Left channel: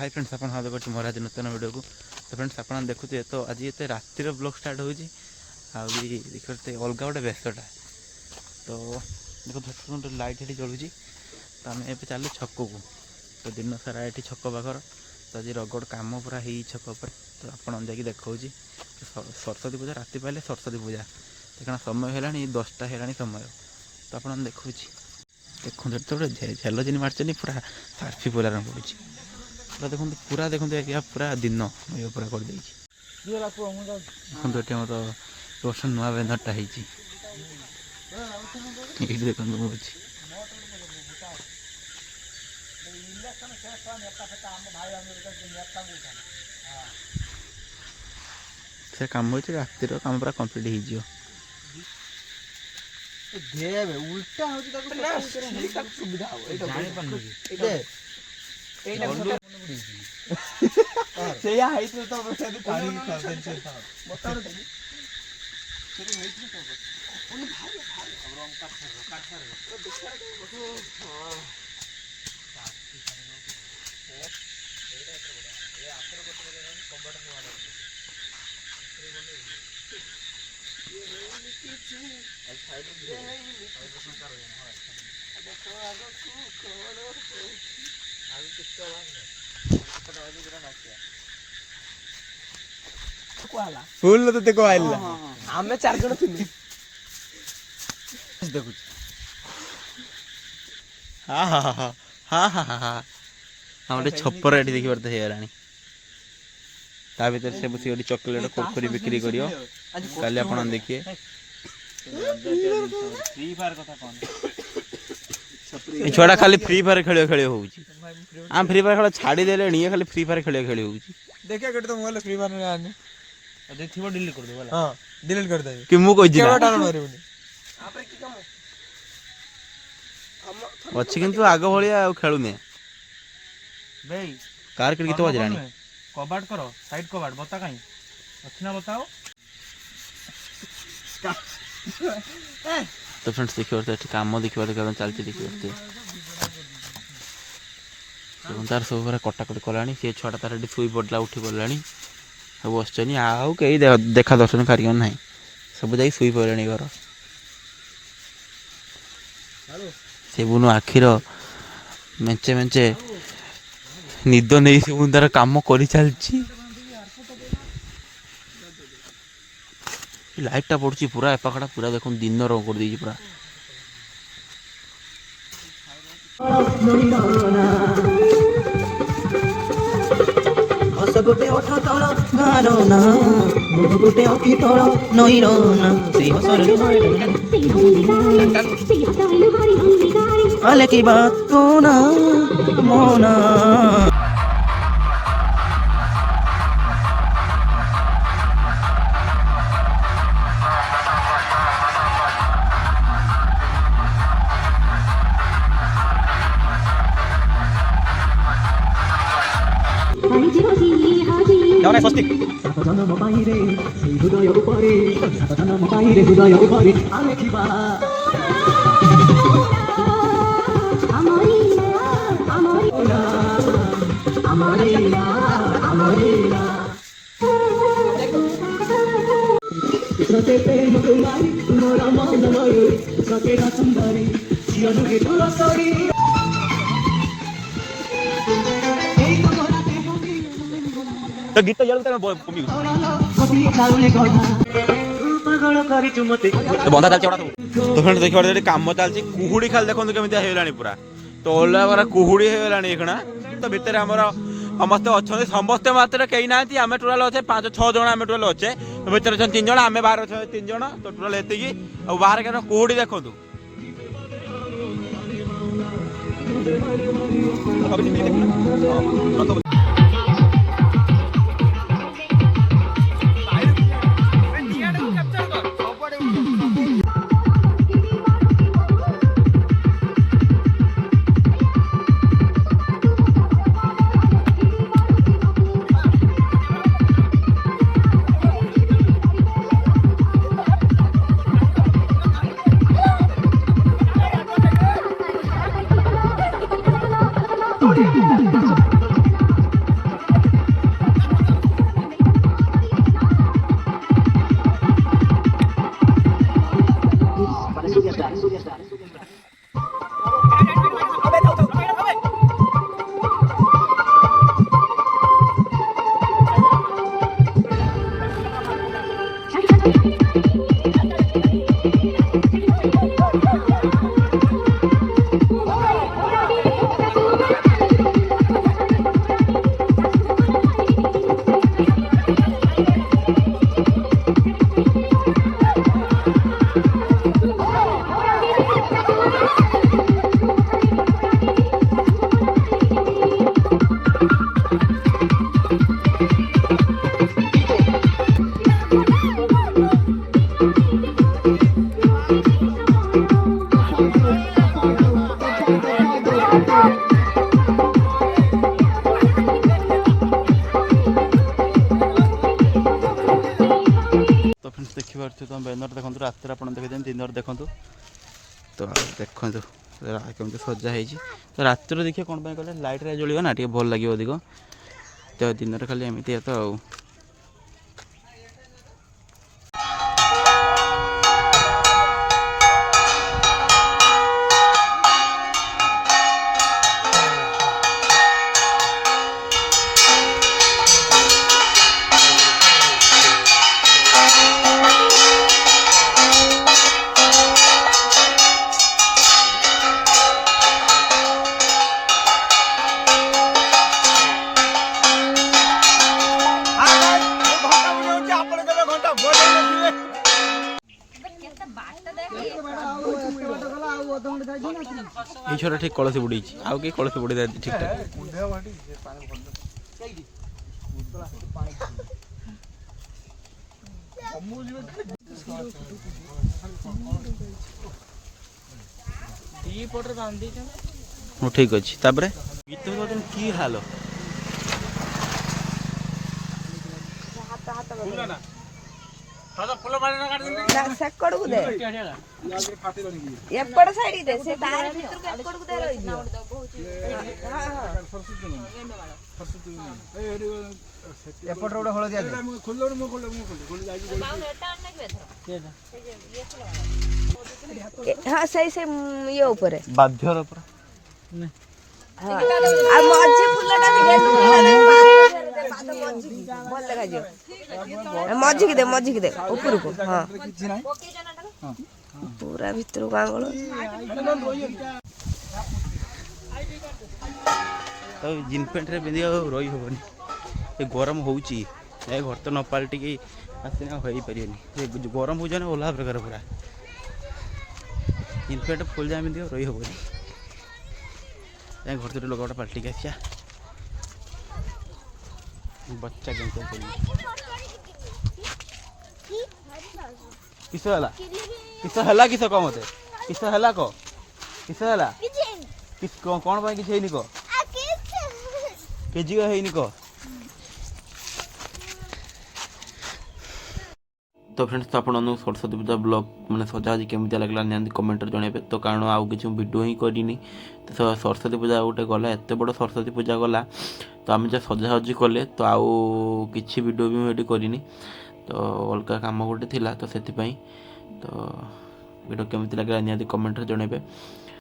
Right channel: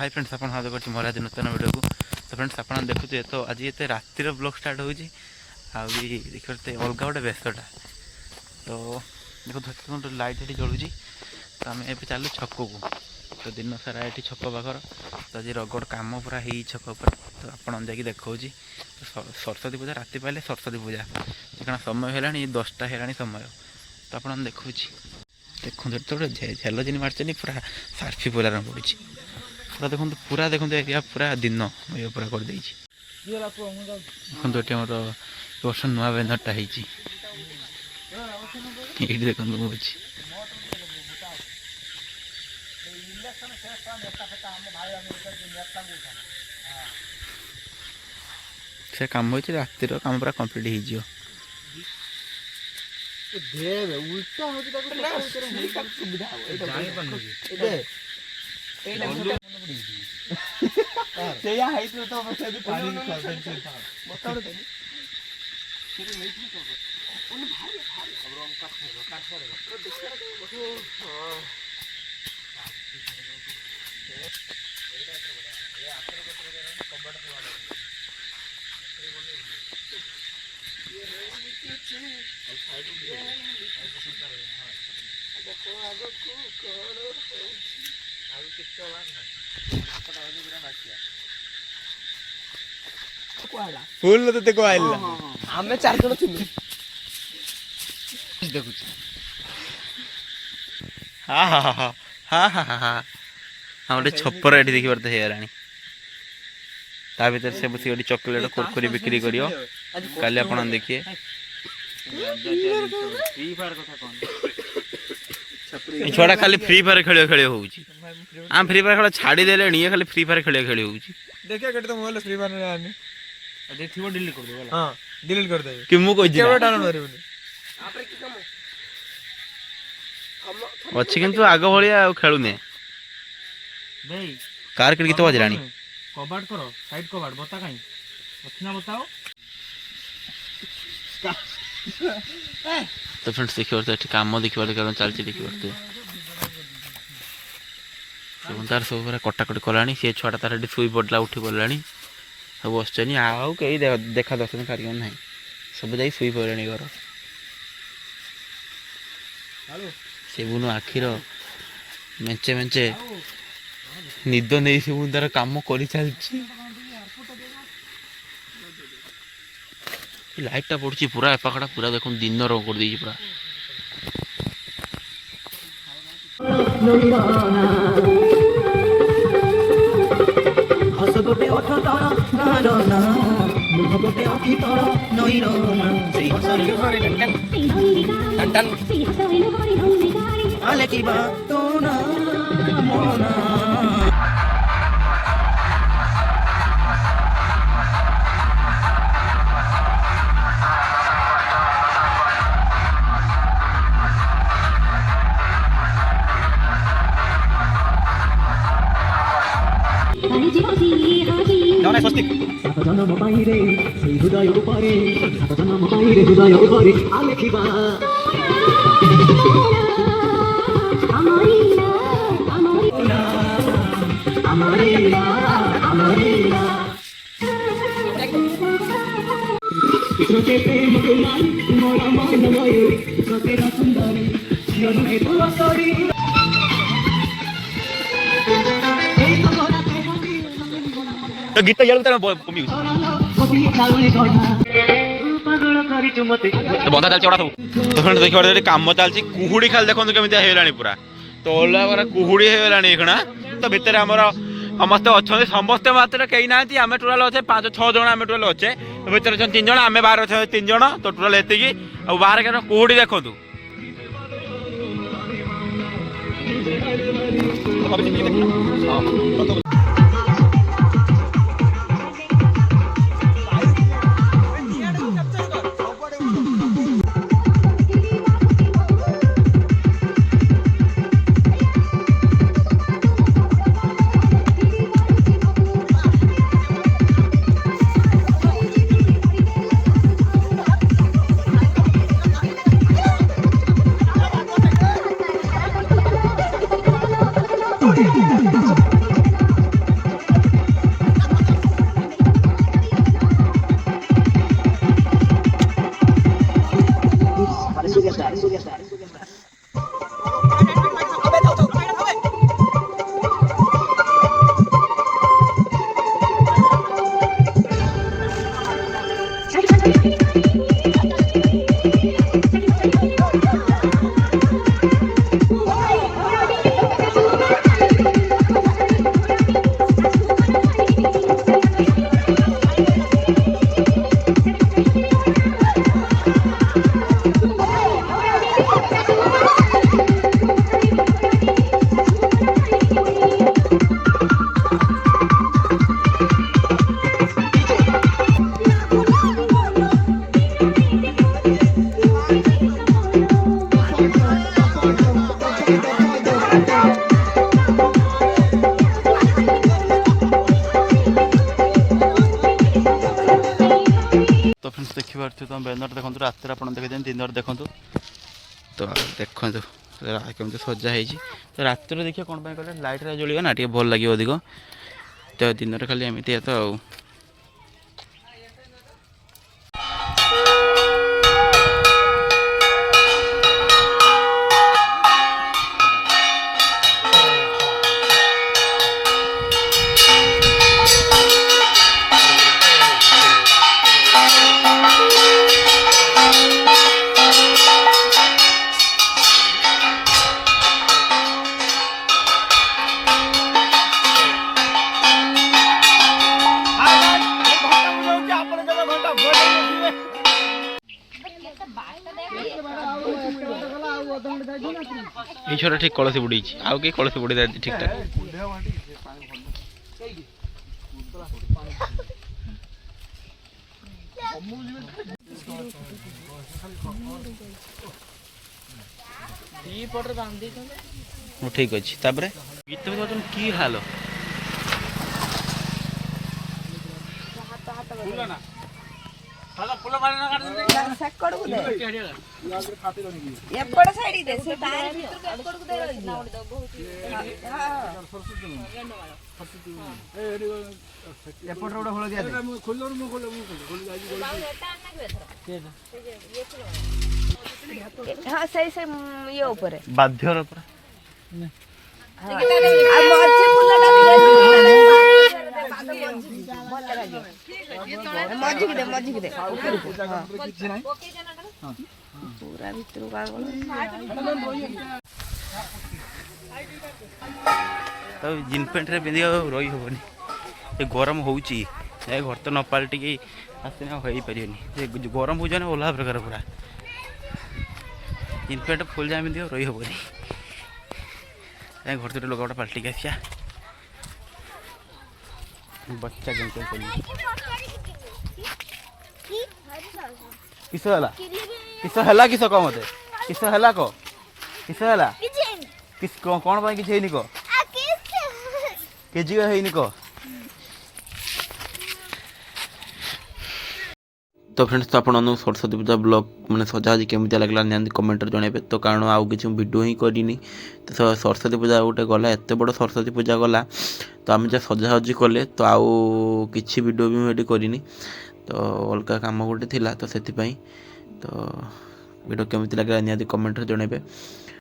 Hi friends आप देखते मोर आज नूतन वीडियो को। तो फ्रेंड्स आप देखुए तो आज ये रातिर ब्लॉग स्टार्ट हो देखते अलग गोटे व्यस्तटा। तो देखो लाइट ये जलूँ तो आम ए चलू छक को। तो दिन सारा ये छक पाखर तो आज रगड़ कम पूरा है छक पर। तो आप देखा सरस्वती पूजा राति पाइले सरस्वती पूजा क्या समय है 10टा है समय। तो आप देखुँ देखते तो झेल जिन मार्चनी पूरा सार्फी पोलार पड़ी पूरा देखो पूरा देखते पूरा दिन ये पूरा कर देखते ये मोर वर्ष नुआ बैनरटा ये देखो मुझे से कम हो रातिर कम पूरा कम्प्लीट हो उल्टा फुल तो देखो आइल हमें 4 जण थिलु देखु हाँ हाँ हाँ हाँ हाँ हाँ हाँ हाँ गोटे छपर ये देखी पार्थ है ता भर से बस गोटे चॉकलेट कुरकुरी बिक्री कर काली आप देखिए छुआ खाली फ्री फायर खेल खेल हो फ्री फायर खेल छाड़ी देले ये खाली फ्री फायर खेल खेल हो देखिए केटे तो मोबाइल फ्री फायर में आने देखिबो डिलीट कर दे हां डिलीट कर दे कि मु कोइ केवल डाउनलोड मारिबनी आपरे की काम अच्छी किंतु आग भलिया खेलुने भाई कार के गीत बजरानी कबाट करो साइड कबाट बता काई अच्छना बताओ तो फ्रेंड्स देखिए तो काम देखिए कारण चलती देखिए तार सब पूरा कटाकटी कलानी सी छुआ तार शुई पड़ा उठी पड़ा सब बसनी आउ कई देखा दर्शन कार्यक्रम ना सब जा शुई पड़े घर से बुनु आखिर मेचे मेचे निद नहीं से तार कम कर चलती लाइटा पड़ी पूरा एपाखटा पूरा देख दिन रंग कर दी पूरा गोटे अठ तल मुख गोटे अखि तल नई रले की बात तो ना मोना सातजन पाइरे हृदय उपरे सातजन पाइरे हृदय उपरे आखिबा सते प्रेम कुमारी मोरा मन गयो सते सुंदरी जीवन के तू सरी तो गीत यार तो कमी तो बंधा चल चढ़ा तो फ्रेंड देखिए काम चलती कुहुड़ी खाली देखते केमी होगा पूरा तो ओला पूरा कुहुड़ी होगा तो भितर आमर समस्ते अच्छा समस्ते मात्र कहीं ना आम टोटाल अच्छे 5-6 जन आम टोटाल अच्छे भितर अच्छा 3 जन आम बाहर अच्छे 3 जन तो टोटाल ये बाहर क्या कुहुड़ी देखु ଦେଖିପାରୁଥିବେ ତୁମ ବ୍ୟାନର ଦେଖନ୍ତୁ ରାତିରେ ଆପଣ ଦେଖିଦିଅନ୍ତୁ ଦିନରେ ଦେଖନ୍ତୁ ତ ଦେଖନ୍ତୁ କେମିତି ସଜା ହେଇଛି ତ ରାତିରେ ଦେଖିବା କ'ଣ ପାଇଁ କହିଲେ ଲାଇଟ୍ରେ ଜଳିବ ନା ଟିକେ ଭଲ ଲାଗିବ ଅଧିକ ତ ଦିନରେ ଖାଲି ଏମିତି ତ ଆଉ এই ছটা ঠিক কলসি বুড়িয়েছি আউ কি কলসি বুড়ি দেয় ঠিকঠাক ঠিক ଅଛି ତାପରେ ଗୀତ କି ହାଲ ସେକଡକୁ ଦେ ଏପଟ ସାଇଡ ଦେ ସେ ତାର ଭିତରକୁ ଏପଟକୁ ଦେ ରହିଯିବ ଏପଟରେ ଗୋଟେ ହଳଦିଆ ଦେ ହଁ ସେଇ ଇଏ ଉପରେ ବାଧ୍ୟର ପୁରା ଆଉ ମଝି ଫୁଲଟା ବି ମଝିକି ଦେ ଉପରକୁ ହଁ ପୁରା ଭିତରକୁ ଆଙ୍ଗଳ ତ ଜିନ୍ ପ୍ୟାଣ୍ଟରେ ପିନ୍ଧି ଆଉ ରହି ହେବନି ଏ ଗରମ ହେଉଛି ଏ ଘର ତ ନ ପାଲଟିକି ଆସିନେ ଆଉ ହେଇପାରିବନି ସେ ଗରମ ହେଉଛି ନା ଅଲଗା ପ୍ରକାର ପୁରା ଜିନ୍ ପ୍ୟାଣ୍ଟ ଫୁଲ୍ ଜାମା ପିନ୍ଧି ଆଉ ରହି ହେବନି ଘର ତ ଲୁଗାଟା ପାଲଟିକି ଆସିବା बच्चा गेम खेल किस हला किस कम मते किस हला को किस हला किस कोन बाय किछ हेनी को केजी को हेनी को तो फ्रेंड्स तो आपन सरस्वती पूजा ब्लॉग मैंने सजा आज केमी लगला निहांती कमेंट जनइबे तो कारण आउ किसी वीडियो ही करनी तो सरस्वती पूजा गोटे गला एत बड़ सरस्वती पूजा गला तो आम जहाँ सजासजी कले तो आउ किसी वीडियो भी मुझे करनी तो अलग काम गोटे थिला तो से तो वीडियो केमी लगला निहांती कमेंट जनइबे।